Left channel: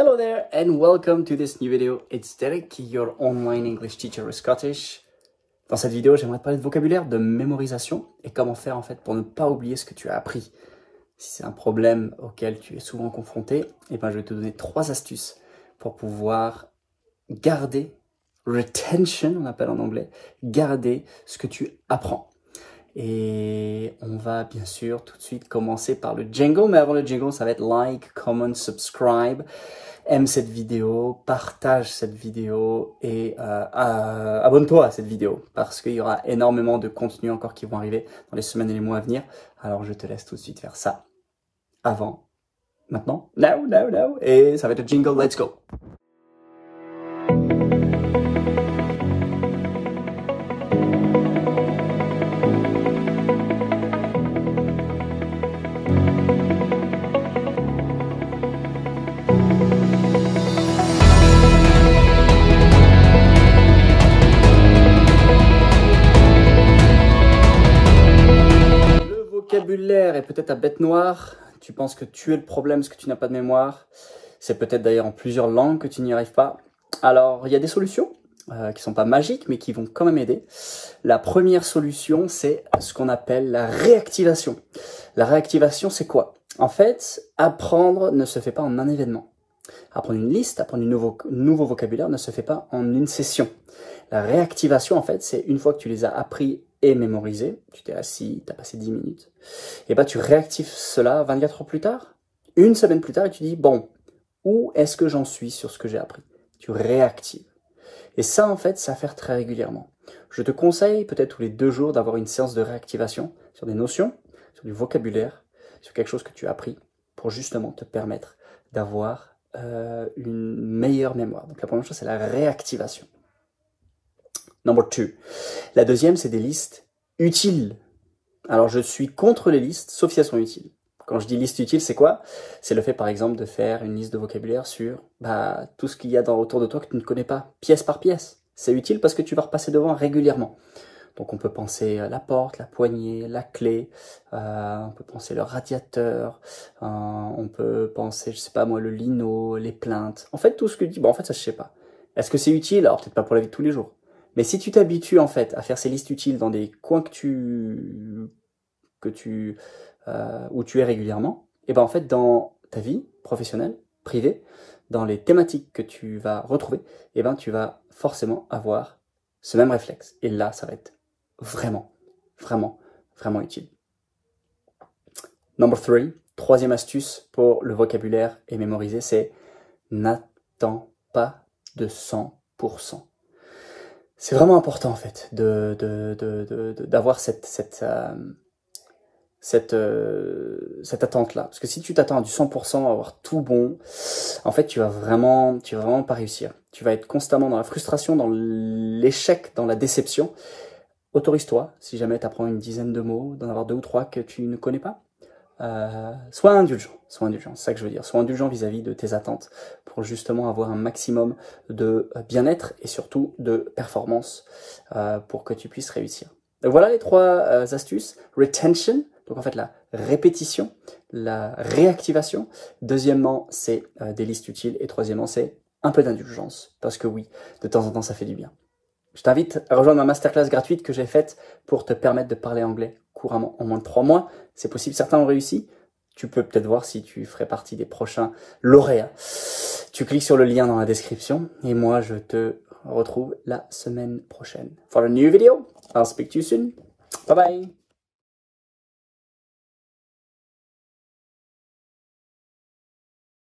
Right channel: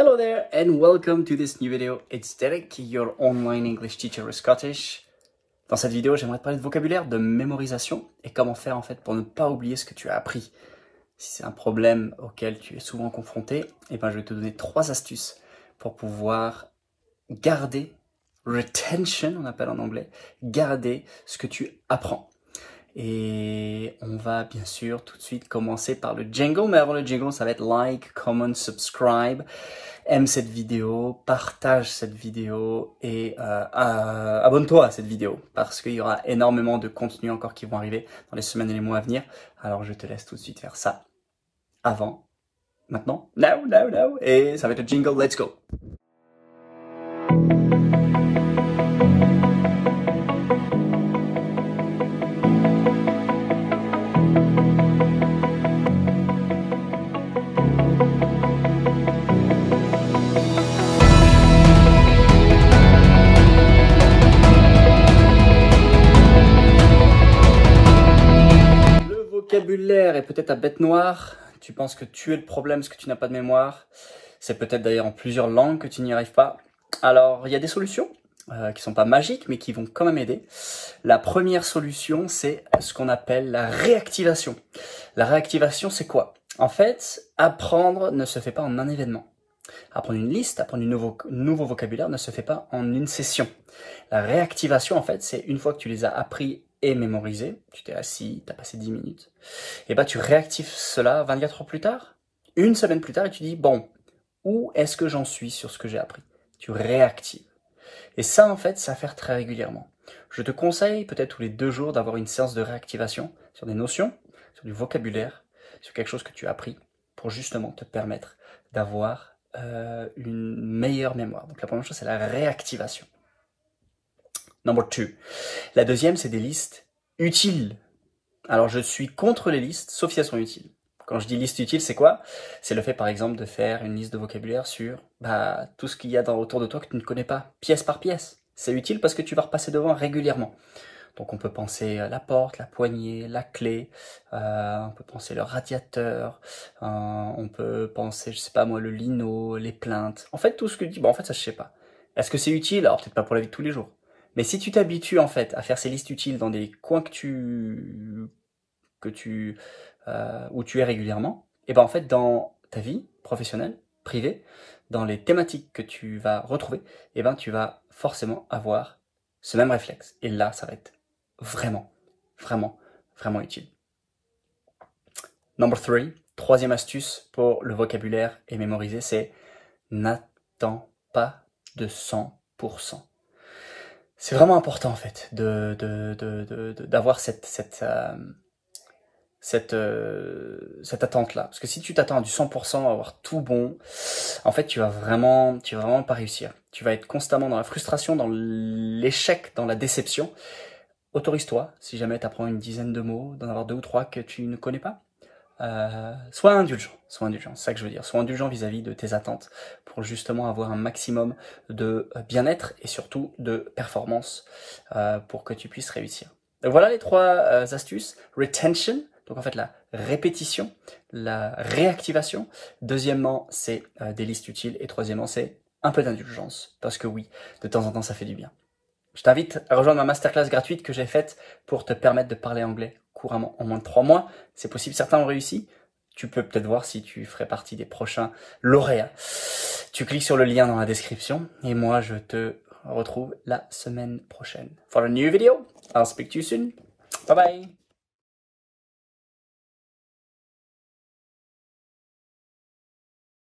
Hello there and welcome to this new video. It's Derek, your online English teacher with Scottish. Dans cette vidéo, j'aimerais te parler de vocabulaire, de mémorisation et comment faire en fait pour ne pas oublier ce que tu as appris. Si c'est un problème auquel tu es souvent confronté, je vais te donner 3 astuces pour pouvoir garder, retention on appelle en anglais, garder ce que tu apprends. Et on va bien sûr tout de suite commencer par le jingle, mais avant le jingle, ça va être like, comment, subscribe, aime cette vidéo, partage cette vidéo et abonne-toi à cette vidéo parce qu'il y aura énormément de contenus encore qui vont arriver dans les semaines et les mois à venir. Alors je te laisse tout de suite faire ça avant, maintenant, now, et ça va être le jingle, let's go! Vocabulaire est peut-être à bête noire, tu penses que tu es le problème parce que tu n'as pas de mémoire, c'est peut-être d'ailleurs en plusieurs langues que tu n'y arrives pas. Alors il y a des solutions qui sont pas magiques mais qui vont quand même aider. La première solution c'est ce qu'on appelle la réactivation. La réactivation c'est quoi? En fait, apprendre ne se fait pas en un événement. Apprendre une liste, apprendre du nouveau vocabulaire ne se fait pas en une session. La réactivation en fait c'est une fois que tu les as appris et mémorisé, tu t'es assis, tu as passé 10 minutes, et tu réactives cela 24 heures plus tard, une semaine plus tard, et tu dis, bon, où est-ce que j'en suis sur ce que j'ai appris? Tu réactives. Et ça, en fait, ça à faire très régulièrement. Je te conseille, peut-être tous les 2 jours, d'avoir une séance de réactivation sur des notions, sur du vocabulaire, sur quelque chose que tu as appris, pour justement te permettre d'avoir une meilleure mémoire. Donc la première chose, c'est la réactivation. Number 2. La deuxième, c'est des listes utiles. Alors, je suis contre les listes, sauf si elles sont utiles. Quand je dis liste utile, c'est quoi? C'est le fait, par exemple, de faire une liste de vocabulaire sur tout ce qu'il y a autour de toi que tu ne connais pas, pièce par pièce. C'est utile parce que tu vas repasser devant régulièrement. Donc, on peut penser la porte, la poignée, la clé, on peut penser le radiateur, on peut penser, je sais pas moi, le lino, les plaintes. En fait, tout ce que tu dis, en fait, ça, je sais pas. Est-ce que c'est utile? Alors, peut-être pas pour la vie de tous les jours. Mais si tu t'habitues en fait à faire ces listes utiles dans des coins où tu es régulièrement, et en fait dans ta vie professionnelle, privée, dans les thématiques que tu vas retrouver, tu vas forcément avoir ce même réflexe. Et là, ça va être vraiment utile. Number 3, troisième astuce pour le vocabulaire et mémoriser, c'est n'attends pas de 100%. C'est vraiment important en fait d'avoir cette attente-là. Parce que si tu t'attends à du 100%, à avoir tout bon, en fait, tu vas vraiment pas réussir. Tu vas être constamment dans la frustration, dans l'échec, dans la déception. Autorise-toi, si jamais tu apprends une dizaine de mots, d'en avoir 2 ou 3 que tu ne connais pas. Sois indulgent, c'est ça que je veux dire. Sois indulgent vis-à-vis de tes attentes pour justement avoir un maximum de bien-être et surtout de performance pour que tu puisses réussir. Donc voilà les 3 astuces. Retention, donc en fait la répétition, la réactivation. Deuxièmement, c'est des listes utiles. Et troisièmement, c'est un peu d'indulgence. Parce que oui, de temps en temps, ça fait du bien. Je t'invite à rejoindre ma masterclass gratuite que j'ai faite pour te permettre de parler anglais couramment en moins de 3 mois. C'est possible, certains ont réussi. Tu peux peut-être voir si tu ferais partie des prochains lauréats. Tu cliques sur le lien dans la description et moi je te retrouve la semaine prochaine. For a new video, I'll speak to you soon. Bye bye.